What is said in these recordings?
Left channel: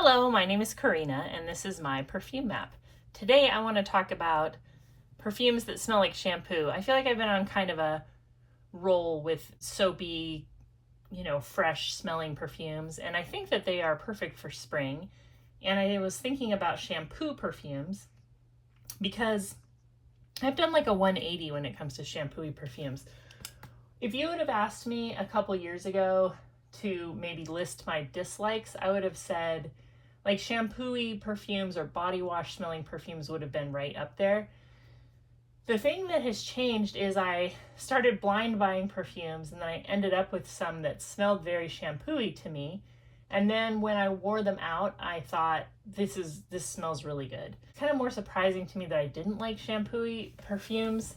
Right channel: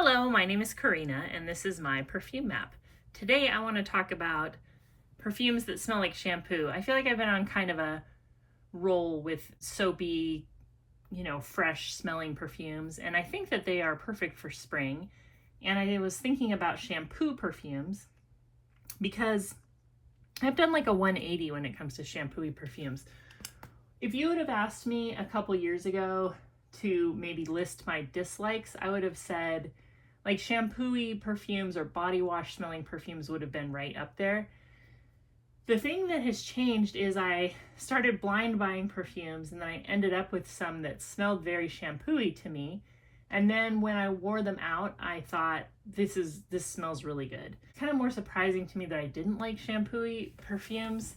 Hello, my name is Karina and this is my perfume map. Today I want to talk about perfumes that smell like shampoo. I feel like I've been on kind of a roll with soapy, fresh smelling perfumes, and I think that they are perfect for spring. And I was thinking about shampoo perfumes because I've done like a 180 when it comes to shampoo-y perfumes. If you would have asked me a couple years ago to maybe list my dislikes, I would have said like shampoo-y perfumes or body wash smelling perfumes would have been right up there. The thing that has changed is I started blind buying perfumes, and then I ended up with some that smelled very shampoo-y to me. And then when I wore them out, I thought, this smells really good. It's kind of more surprising to me that I didn't like shampoo-y perfumes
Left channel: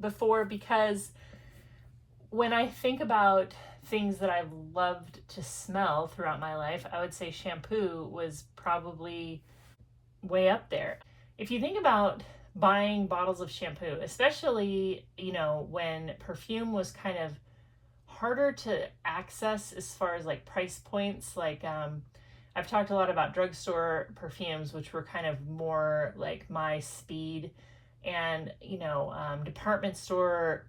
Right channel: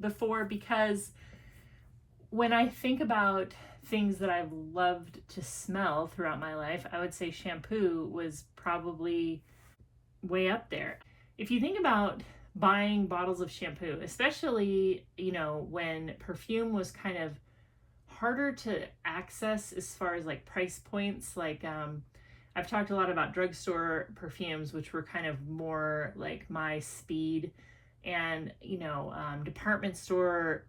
before, because when I think about things that I've loved to smell throughout my life, I would say shampoo was probably way up there. If you think about buying bottles of shampoo, especially, when perfume was kind of harder to access as far as like price points, I've talked a lot about drugstore perfumes, which were kind of more like my speed, and department store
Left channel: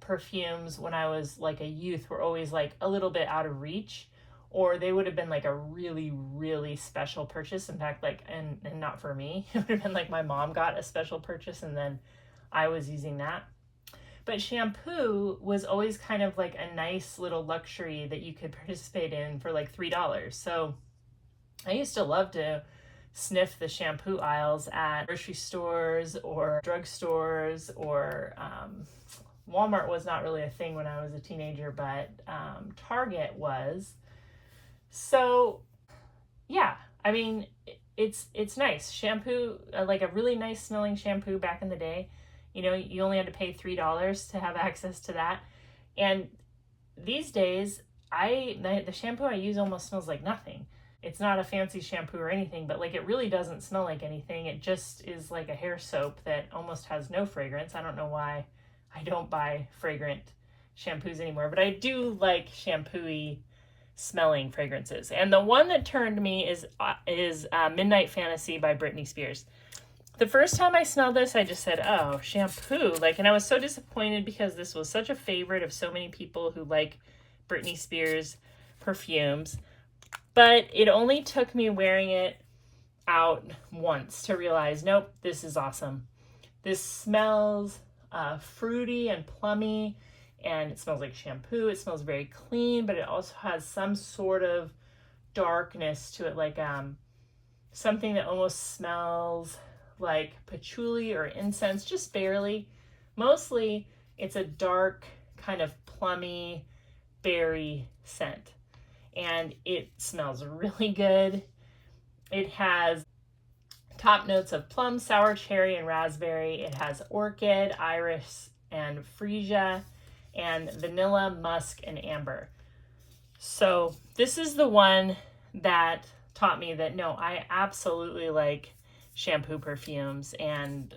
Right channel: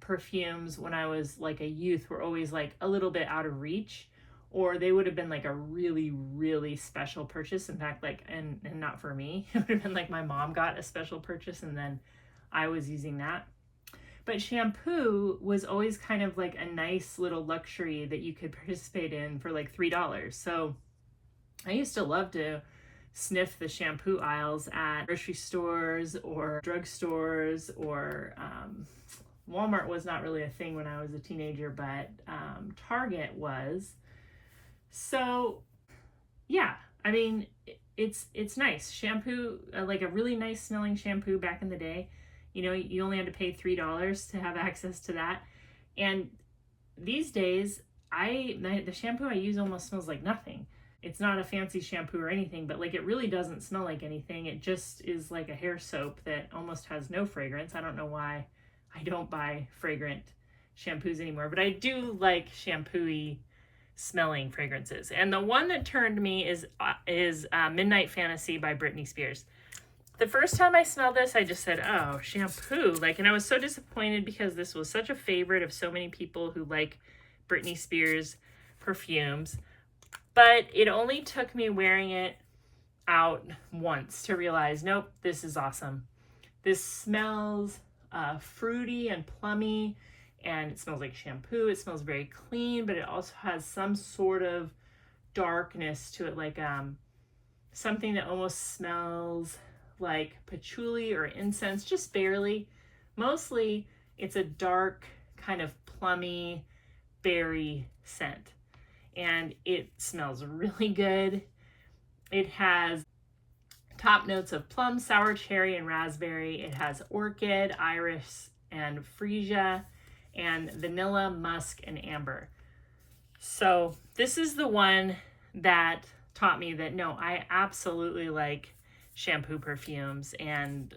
perfumes when I was like a youth were always like a little bit out of reach, or they would have been like a really, really special purchase. In fact, and not for me, it would have been like my mom got a special purchase and then I was using that. But shampoo was always kind of like a nice little luxury that you could participate in for like $3. So I used to love to sniff the shampoo aisles at grocery stores or drugstores, or Walmart was not really a thing when I was a teenager, but Target was. So yeah, I mean, it's nice. Shampoo, like a really nice smelling shampoo back in the day, you only had to pay $3 to have access to that. And these days, the shampoo I use almost smells like nothing. It's not a fancy shampoo or anything, but like it really doesn't smell like anything. It just is like a hair soap that almost has no fragrance. I don't know why I don't buy fragrant shampoos anymore, but I do like shampoo-y smelling fragrances. And the one that turned me is Midnight Fantasy by Britney Spears. The first time I smelled this, I just said, oh, shampoo. And I was so disappointed because this was such a favorite of so many people who like Britney Spears perfumes. But it only took me wearing it out once to realize, nope, this is awesome. This smells fruity and plummy, and it smells like shampoo. It smells very clean, but it also has some sort of darkness to it, like something that almost smells like patchouli or incense, just barely. Mostly it's a dark kind of plummy berry scent, and it smells really good. It has top notes of plum, sour cherry, and raspberry. It has orchid, iris, and freesia, and vanilla, musk, and amber. So this is the one that taught me that no, I absolutely like shampoo perfumes, and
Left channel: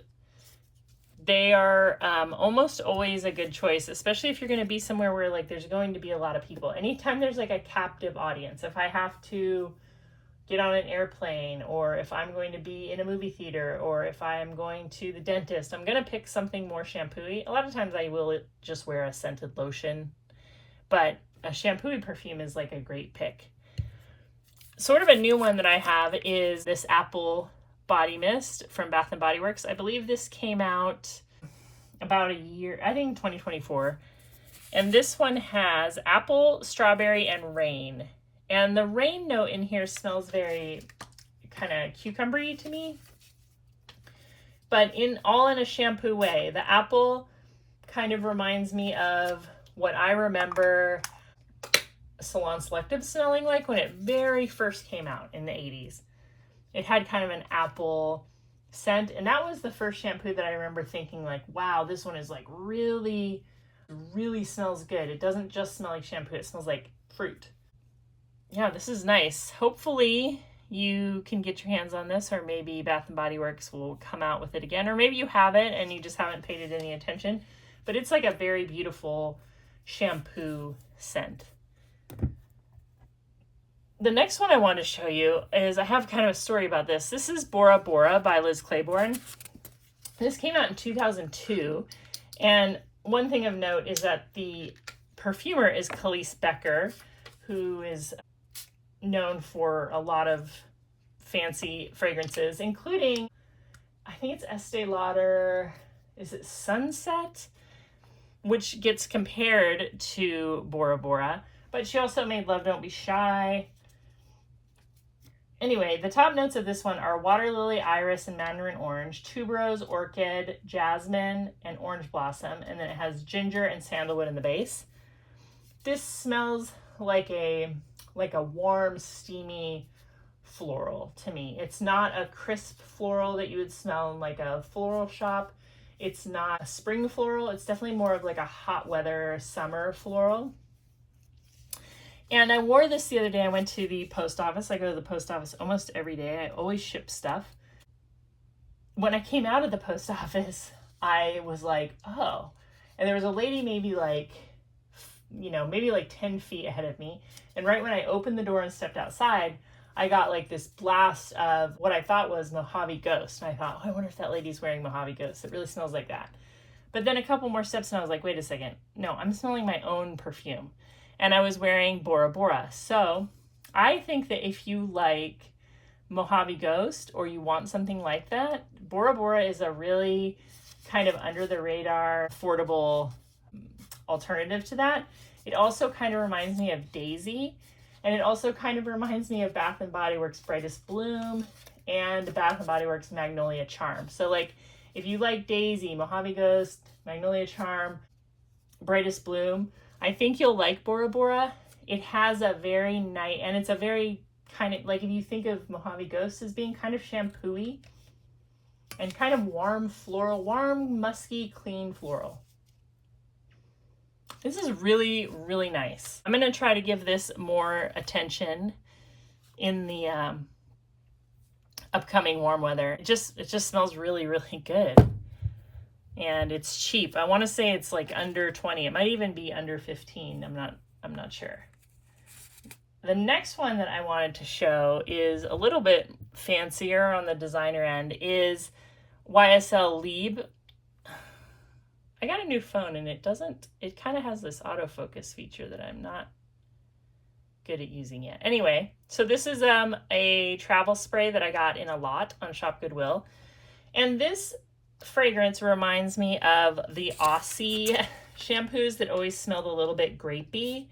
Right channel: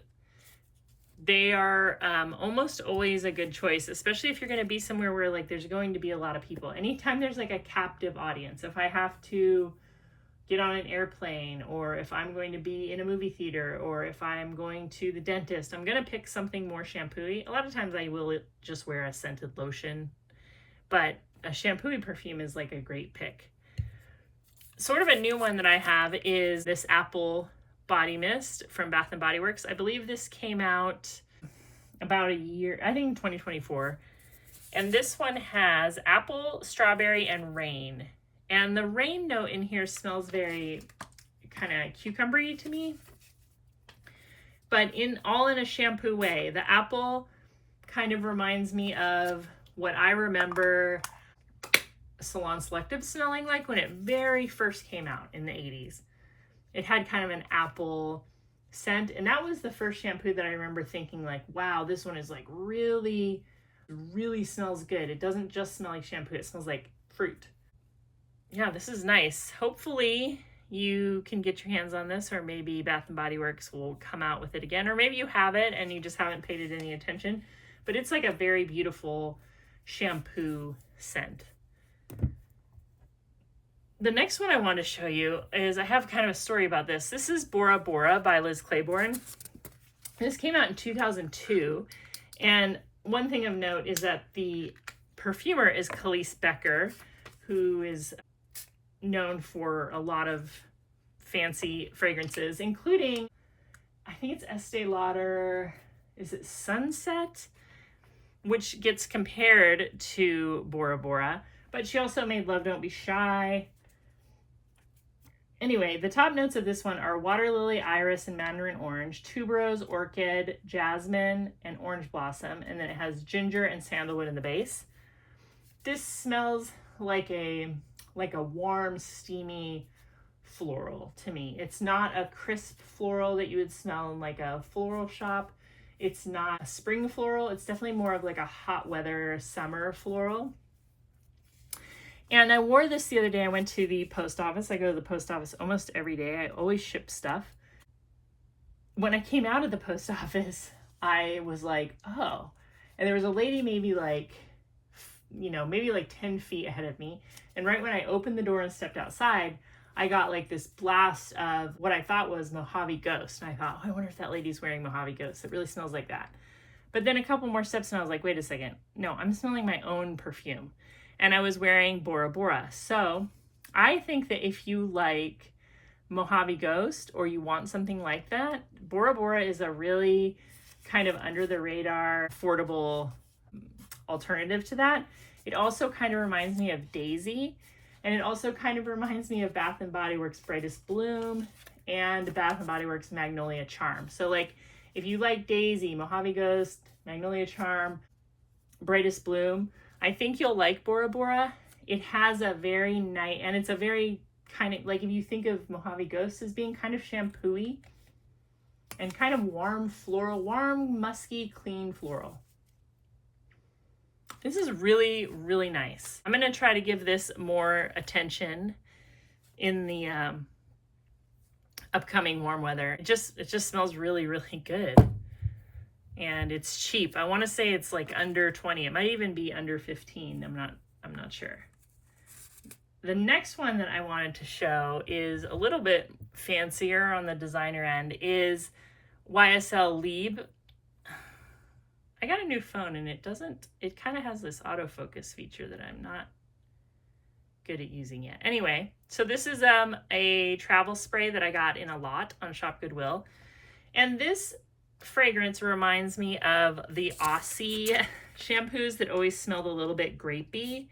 they are almost always a good choice, especially if you're going to be somewhere where like there's going to be a lot of people. Anytime there's like a captive audience, if I have to get on an airplane, or if I'm going to be in a movie theater, or if I am going to the dentist, I'm going to pick something more shampoo-y. A lot of times I will just wear a scented lotion, but a shampoo-y perfume is like a great pick. Sort of a new one that I have is this apple body mist from Bath & Body Works. I believe this came out about a year, I think 2024. And this one has apple, strawberry, and rain. And the rain note in here smells very kind of cucumber-y to me, but in a shampoo way. The apple kind of reminds me of what I remember Salon Selective smelling like when it very first came out in the 80s. It had kind of an apple scent, and that was the first shampoo that I remember thinking like, wow, this one is like really, really smells good. It doesn't just smell like shampoo, it smells like fruit. Yeah, this is nice. Hopefully you can get your hands on this, or maybe Bath & Body Works will come out with it again, or maybe you have it and you just haven't paid it any attention. But it's like a very beautiful shampoo scent. The next one I want to show you is, I have kind of a story about this. This is Bora Bora by Liz Claiborne. This came out in 2002. And one thing of note is that the perfumer is Khalees Becker, who is known for a lot of fancy fragrances, including, I think it's Estee Lauder, is it Sunset? Which gets compared to Bora Bora. But she also made Love Don't Be Shy. Anyway, the top notes of this one are water lily, iris, and mandarin orange, tuberose, orchid, jasmine, and orange blossom. And then it has ginger and sandalwood in the base. This smells like a warm, steamy floral to me. It's not a crisp floral that you would smell in like a floral shop. It's not a spring floral. It's definitely more of like a hot weather summer floral. And I wore this the other day. I went to the post office. I go to the post office almost every day. I always ship stuff. When I came out of the post office, I was like, oh. And there was a lady maybe like 10 feet ahead of me. And right when I opened the door and stepped outside, I got like this blast of what I thought was Mojave Ghost. And I thought, oh, I wonder if that lady's wearing Mojave Ghost. It really smells like that. But then a couple more steps and I was like, wait a second. No, I'm smelling my own perfume. And I was wearing Bora Bora. So I think that if you like Mojave Ghost or you want something like that, Bora Bora is a really kind of under the radar, affordable alternative to that. It also kind of reminds me of Daisy, and it also kind of reminds me of Bath & Body Works Brightest Bloom and Bath & Body Works Magnolia Charm. So like if you like Daisy, Mojave Ghost, Magnolia Charm, Brightest Bloom, I think you'll like Bora Bora. It has a very nice, and it's a very kind of, like if you think of Mojave Ghost as being kind of shampoo-y and kind of warm floral, warm, musky, clean floral. This is really, really nice. I'm gonna try to give this more attention in the upcoming warm weather. It just smells really, really good. And it's cheap. I want to say it's like under 20. It might even be under 15. I'm not sure. The next one that I wanted to show is a little bit fancier on the designer end, is YSL Libre. I got a new phone and it kind of has this autofocus feature that I'm not good at using yet. Anyway, so this is a travel spray that I got in a lot on Shop Goodwill. And this fragrance reminds me of the Aussie shampoos that always smelled a little bit grapey.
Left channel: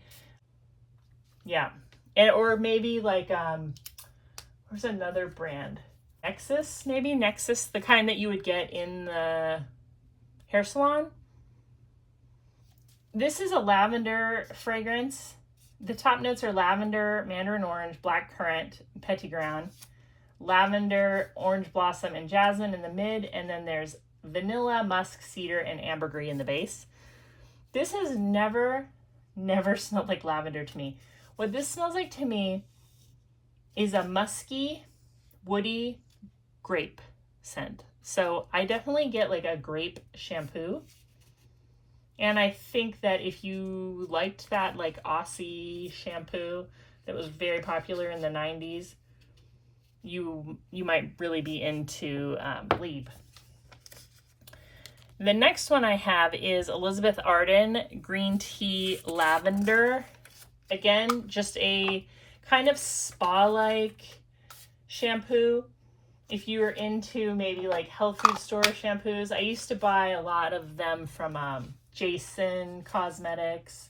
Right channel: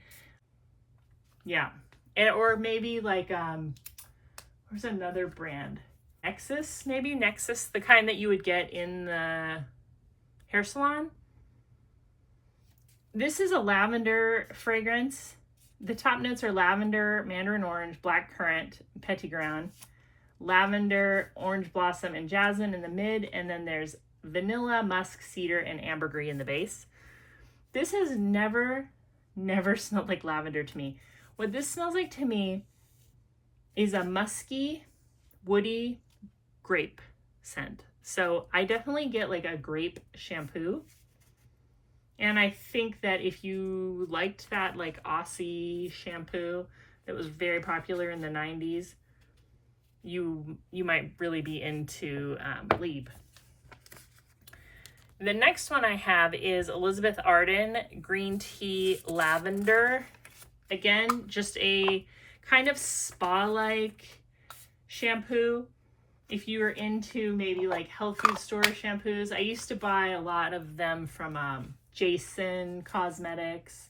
Yeah. Or maybe like, there's another brand. Nexus, maybe? Nexus, the kind that you would get in the hair salon. This is a lavender fragrance. The top notes are lavender, mandarin orange, black currant, petitgrain, lavender, orange blossom, and jasmine in the mid, and then there's vanilla, musk, cedar, and ambergris in the base. This has never smelled like lavender to me. What this smells like to me is a musky, woody grape scent. So I definitely get like a grape shampoo. And I think that if you liked that like Aussie shampoo that was very popular in the 90s, you might really be into Libre. The next one I have is Elizabeth Arden Green Tea Lavender. Again, just a kind of spa-like shampoo. If you were into maybe like health food store shampoos, I used to buy a lot of them from Jason Cosmetics.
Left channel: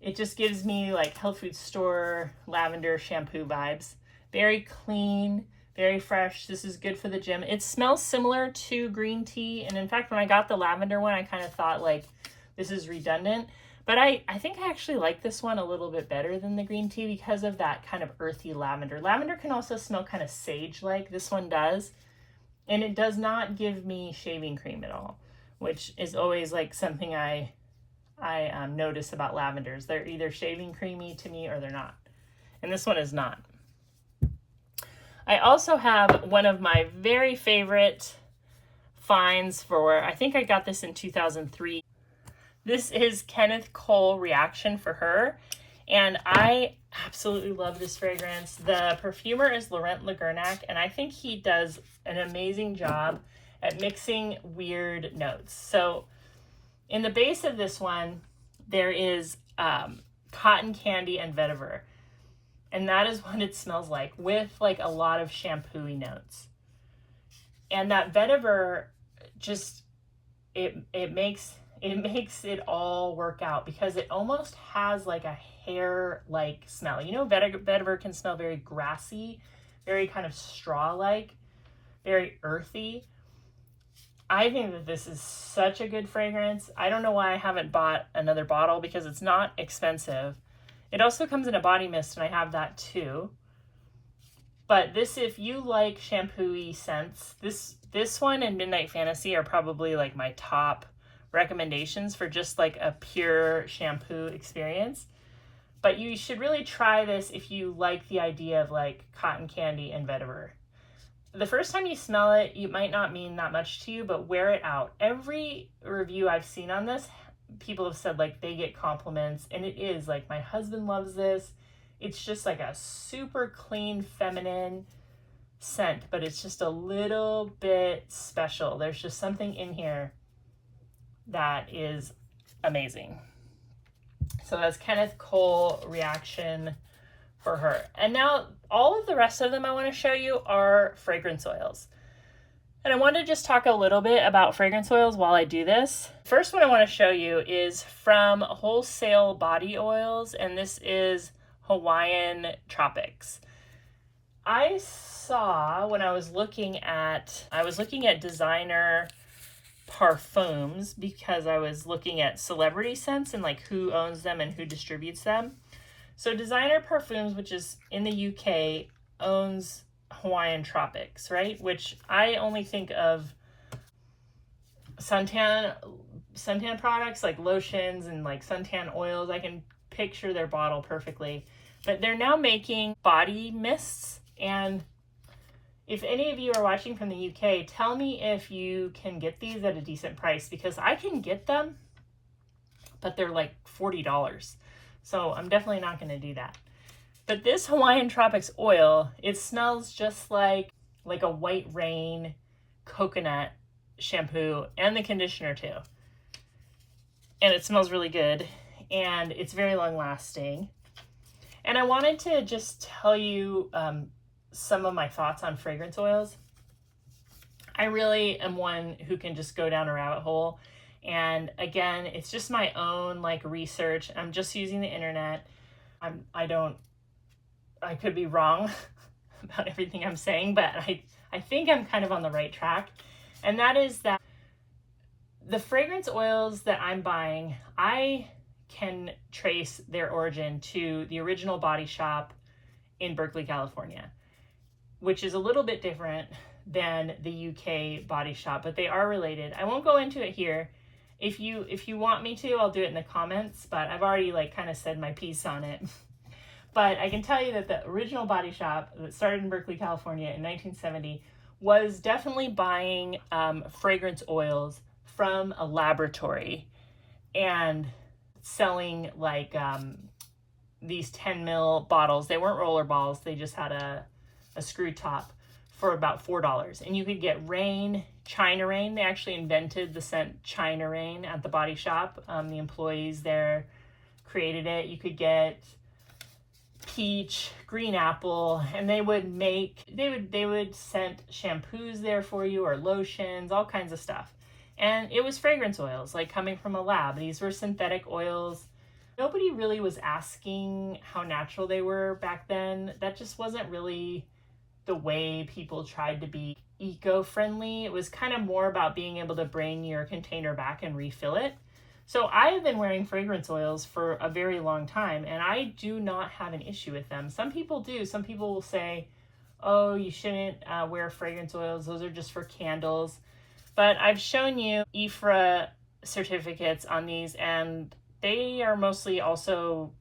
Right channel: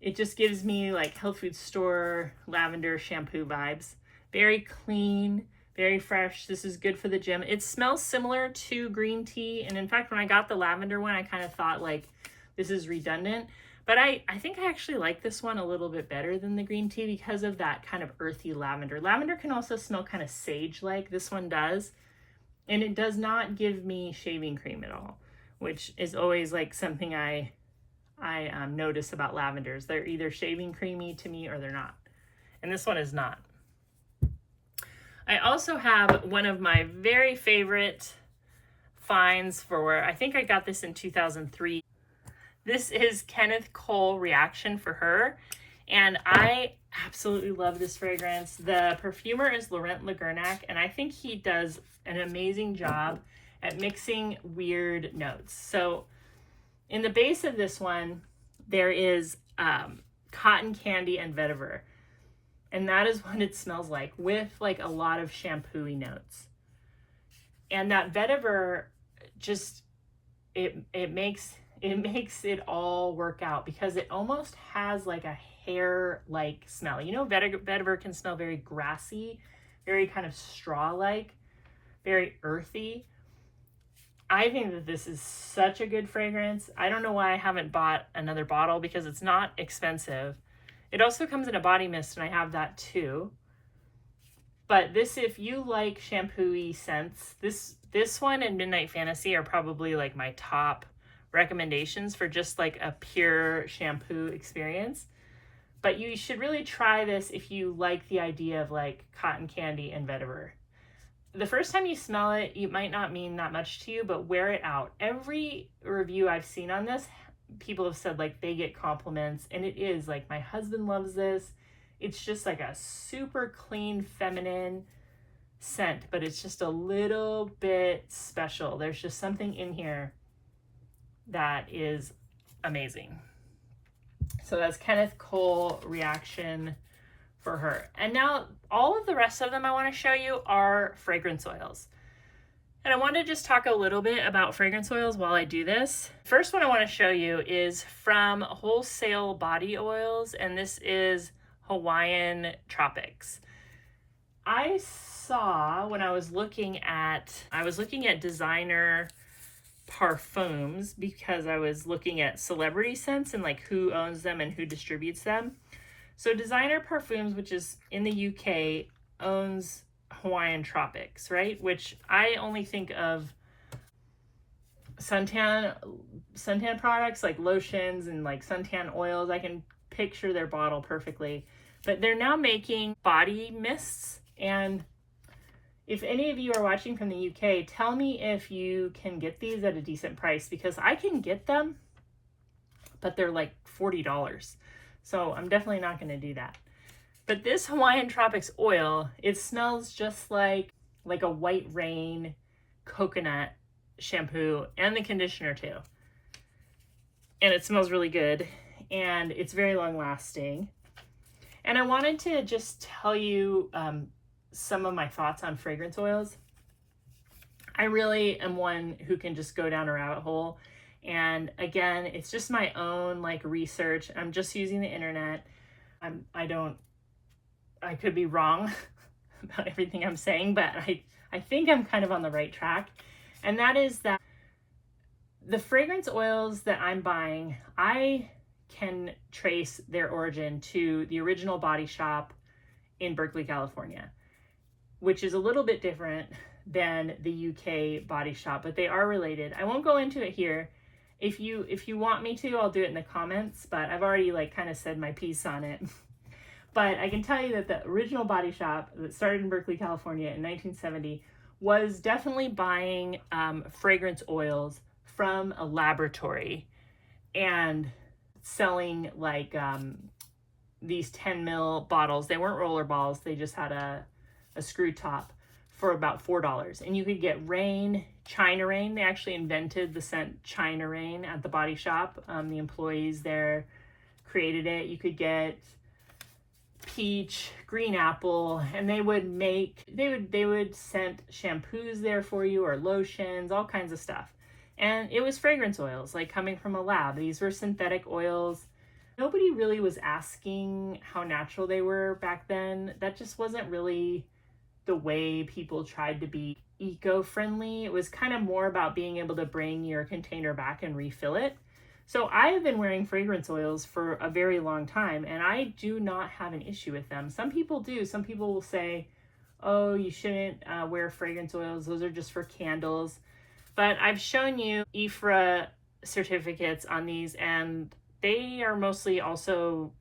It just gives me like health food store lavender shampoo vibes. Very clean, very fresh. This is good for the gym. It smells similar to green tea. And in fact, when I got the lavender one, I kind of thought like this is redundant. But I think I actually like this one a little bit better than the green tea because of that kind of earthy lavender. Lavender can also smell kind of sage-like. This one does. And it does not give me shaving cream at all, which is always like something I notice about lavenders. They're either shaving creamy to me or they're not. And this one is not. I also have one of my very favorite finds for, I think I got this in 2003. This is Kenneth Cole Reaction for Her. And I absolutely love this fragrance. The perfumer is Laurent Lagernac, and I think he does an amazing job at mixing weird notes. So in the base of this one, there is cotton candy and vetiver. And that is what it smells like, with like a lot of shampoo-y notes. And that vetiver just, it makes it all work out, because it almost has like a hair-like smell. You know, vetiver can smell very grassy, very kind of straw-like, very earthy. I think that this is such a good fragrance. I don't know why I haven't bought another bottle, because it's not expensive. It also comes in a body mist, and I have that too. But this, if you like shampoo-y scents, this one and Midnight Fantasy are probably like my top recommendations for just like a pure shampoo experience. But you should really try this if you like the idea of like cotton candy and vetiver. The first time you smell it, it might not mean that much to you, but wear it out. Every review I've seen on this, people have said like they get compliments, and it is like, my husband loves this. It's just like a super clean, feminine scent, but it's just a little bit special. There's just something in here that is amazing. So that's Kenneth Cole Reaction for her. And now all of the rest of them I want to show you are fragrance oils. And I want to just talk a little bit about fragrance oils while I do this. First one I want to show you is from Wholesale Body Oils, and this is Hawaiian Tropics. I saw when I was looking at designer perfumes, because I was looking at celebrity scents and like who owns them and who distributes them. So Designer Perfumes, which is in the UK, owns Hawaiian Tropics, right? Which I only think of suntan products like lotions and like suntan oils. I can picture their bottle perfectly. But they're now making body mists, and if any of you are watching from the UK, tell me if you can get these at a decent price, because I can get them, but they're like $40. So I'm definitely not going to do that. But this Hawaiian Tropics oil, it smells just like a White Rain coconut shampoo, and the conditioner too. And it smells really good, and it's very long lasting. And I wanted to just tell you some of my thoughts on fragrance oils. I really am one who can just go down a rabbit hole. And again, it's just my own like research. I'm just using the internet. I could be wrong about everything I'm saying, but I think I'm kind of on the right track. And that is that the fragrance oils that I'm buying, I can trace their origin to the original body shop in Berkeley, California, which is a little bit different than the UK body shop, but they are related. I won't go into it here. If you want me to, I'll do it in the comments, but I've already like kind of said my piece on it. But I can tell you that the original body shop that started in Berkeley, California in 1970 was definitely buying fragrance oils from a laboratory and selling like these 10 ml bottles. They weren't roller balls, they just had a screw top, for about $4. And you could get Rain, China Rain. They actually invented the scent China Rain at the body shop. The employees there created it. You could get Peach, Green Apple, and they would scent shampoos there for you, or lotions, all kinds of stuff. And it was fragrance oils, like coming from a lab. These were synthetic oils. Nobody really was asking how natural they were back then. That just wasn't really the way people tried to be eco-friendly. It was kind of more about being able to bring your container back and refill it. So I have been wearing fragrance oils for a very long time, and I do not have an issue with them. Some people do. Some people will say, oh, you shouldn't wear fragrance oils. Those are just for candles. But I've shown you IFRA certificates on these, and they are mostly also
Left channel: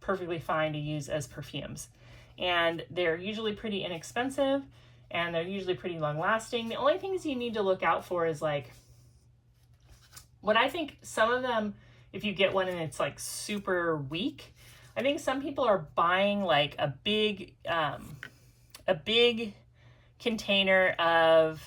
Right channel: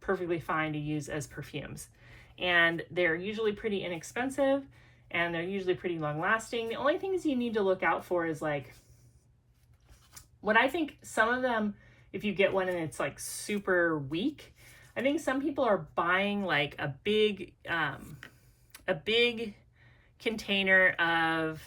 perfectly fine to use as perfumes. And they're usually pretty inexpensive, and they're usually pretty long lasting. The only things you need to look out for is like, what I think some of them, if you get one and it's like super weak, I think some people are buying like a big container of,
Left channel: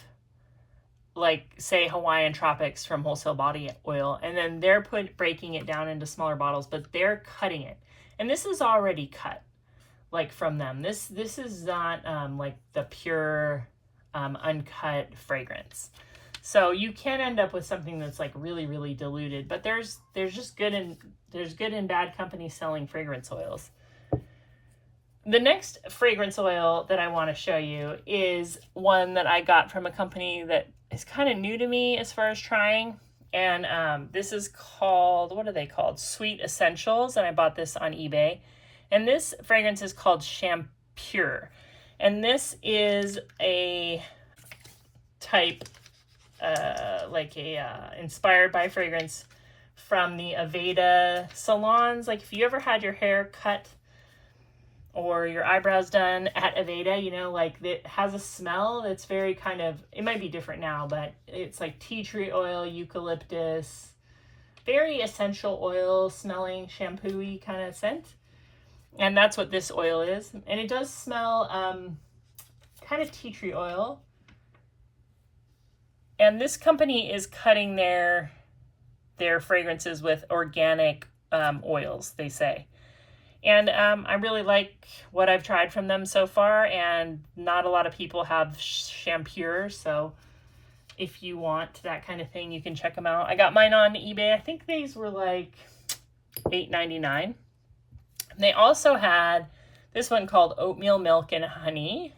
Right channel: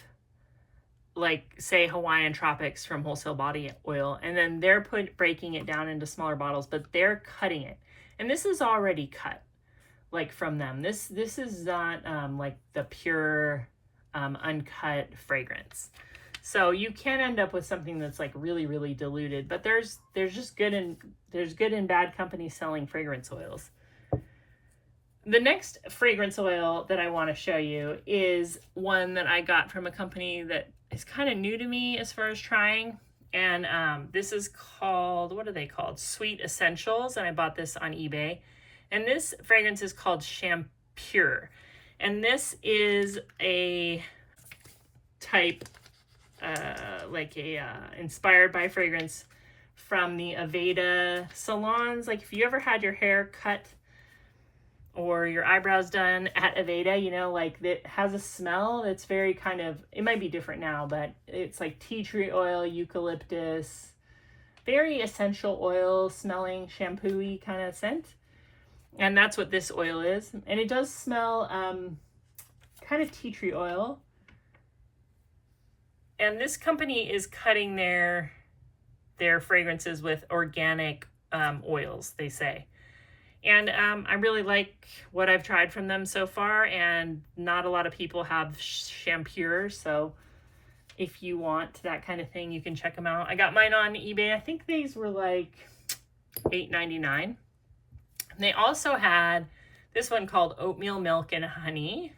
like, say Hawaiian Tropics from Wholesale Body Oil, and then they're breaking it down into smaller bottles, but they're cutting it. And this is already cut, like, from them. This is not like the pure uncut fragrance. So you can end up with something that's like really, really diluted, but there's just good and bad companies selling fragrance oils. The next fragrance oil that I want to show you is one that I got from a company that is kind of new to me as far as trying. And this is called, what are they called? Sweet Essentials. And I bought this on eBay. And this fragrance is called SHAMPURE. And this is a type, inspired by fragrance from the Aveda salons. Like, if you ever had your hair cut or your eyebrows done at Aveda, you know, like, it has a smell that's very kind of, it might be different now, but it's like tea tree oil, eucalyptus, very essential oil smelling, shampoo-y kind of scent. And that's what this oil is. And it does smell kind of tea tree oil. And this company is cutting their fragrances with organic oils, they say. And I really like what I've tried from them so far, and not a lot of people have SHAMPURE, so if you want that kind of thing, you can check them out. I got mine on eBay. I think these were like $8.99. They also had this one called Oatmeal Milk and Honey.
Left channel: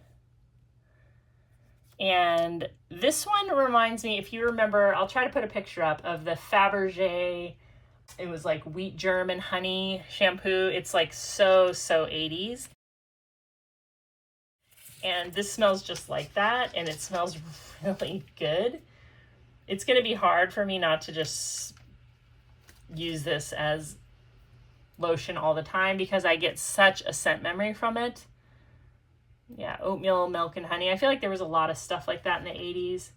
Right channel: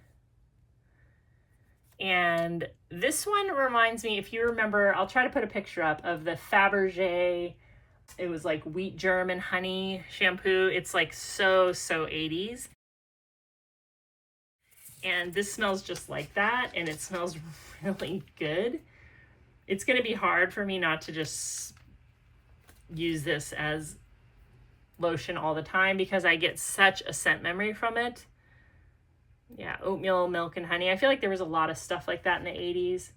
And this one reminds me, if you remember, I'll try to put a picture up of the Fabergé. It was like wheat germ and honey shampoo. It's like so 80s. And this smells just like that, and it smells really good. It's going to be hard for me not to just use this as lotion all the time because I get such a scent memory from it. Yeah, oatmeal, milk, and honey. I feel like there was a lot of stuff like that in the 80s.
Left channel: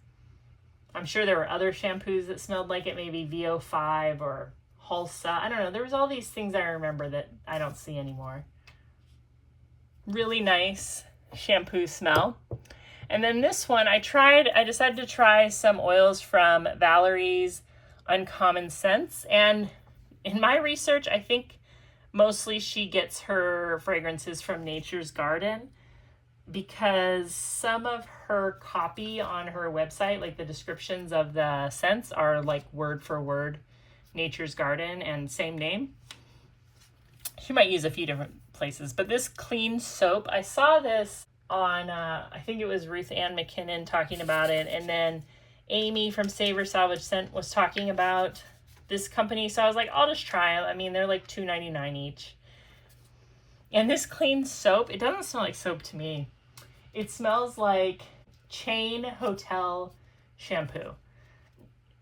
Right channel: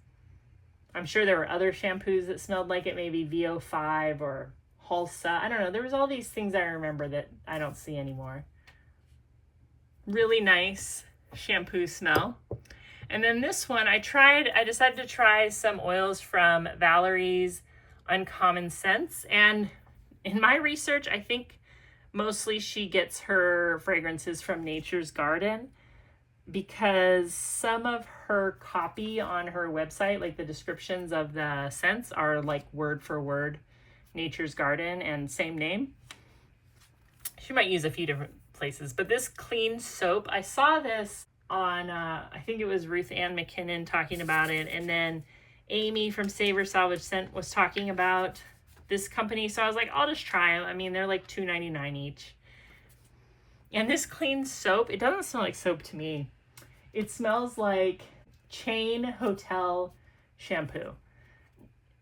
I'm sure there were other shampoos that smelled like it, maybe VO5 or Halsa. I don't know. There was all these things I remember that I don't see anymore. Really nice shampoo smell. And then this one, I decided to try some oils from Valerie's Uncommon Scents. And in my research, I think mostly she gets her fragrances from Nature's Garden, because some of her copy on her website, like the descriptions of the scents, are like word for word Nature's Garden and same name. She might use a few different places, but this clean soap, I saw this on, I think it was Ruth Ann McKinnon talking about it, and then Amy from Savor Salvage Scent was talking about this company, so I was like, I'll just try them. I mean, they're like $2.99 each. And this clean soap, it doesn't smell like soap to me. It smells like chain hotel shampoo.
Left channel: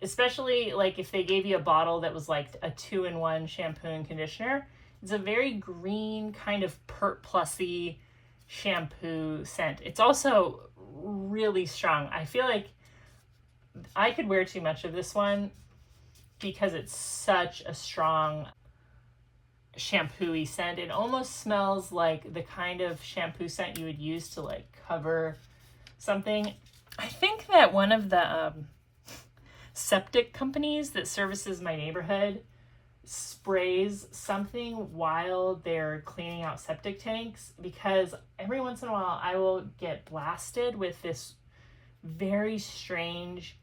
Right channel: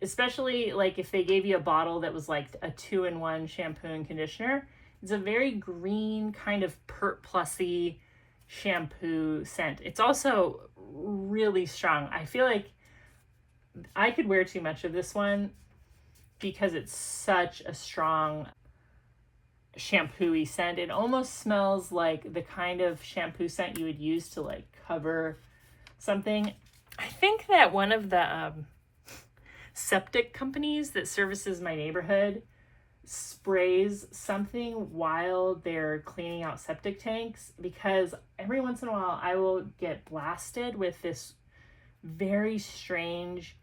Especially like if they gave you a bottle that was like a 2-in-1 shampoo and conditioner. It's a very green kind of Pert Plusy shampoo scent. It's also really strong. I feel like I could wear too much of this one because it's such a strong shampoo-y scent. It almost smells like the kind of shampoo scent you would use to like cover something. I think that one of the septic companies that services my neighborhood sprays something while they're cleaning out septic tanks, because every once in a while I will get blasted with this very strange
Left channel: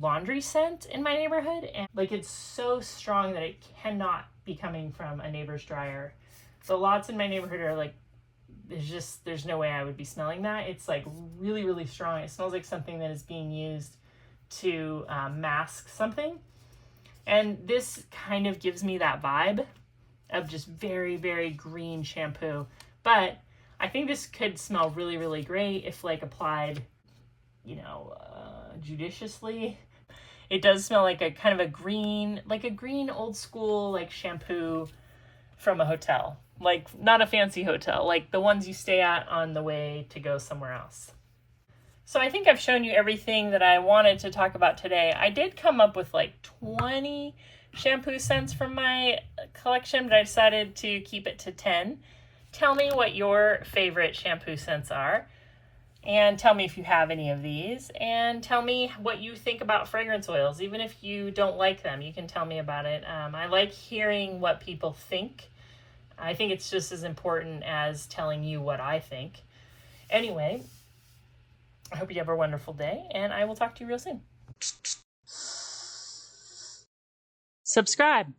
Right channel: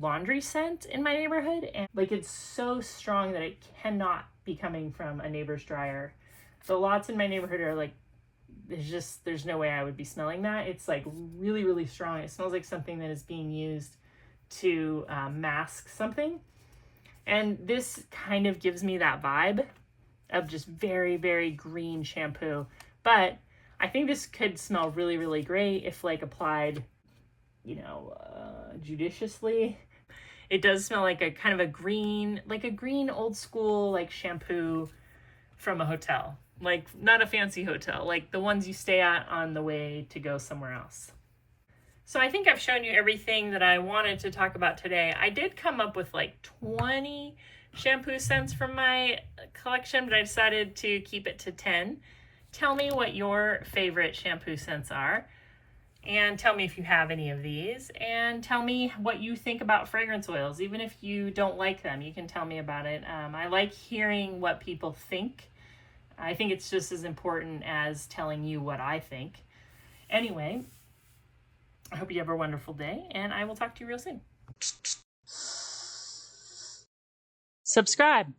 laundry scent in my neighborhood, and like it's so strong that it cannot be coming from a neighbor's dryer. The lots in my neighborhood are like, there's no way I would be smelling that. It's like really, really strong. It smells like something that is being used to mask something. And this kind of gives me that vibe of just very, very green shampoo. But I think this could smell really, really great if like applied, you know, judiciously. It does smell like a kind of a green old school like shampoo from a hotel. Like not a fancy hotel, like the ones you stay at on the way to go somewhere else. So I think I've shown you everything that I wanted to talk about today. I did come up with like 20 shampoo scents from my collection, but I decided to keep it to 10. Tell me what your favorite shampoo scents are, and tell me if you have any of these, and tell me what you think about fragrance oils. Even if you don't like them, you can tell me about it. I like hearing what people think. I think it's just as important as telling you what I think. Anyway, I hope you have a wonderful day, and I will talk to you real soon. Subscribe.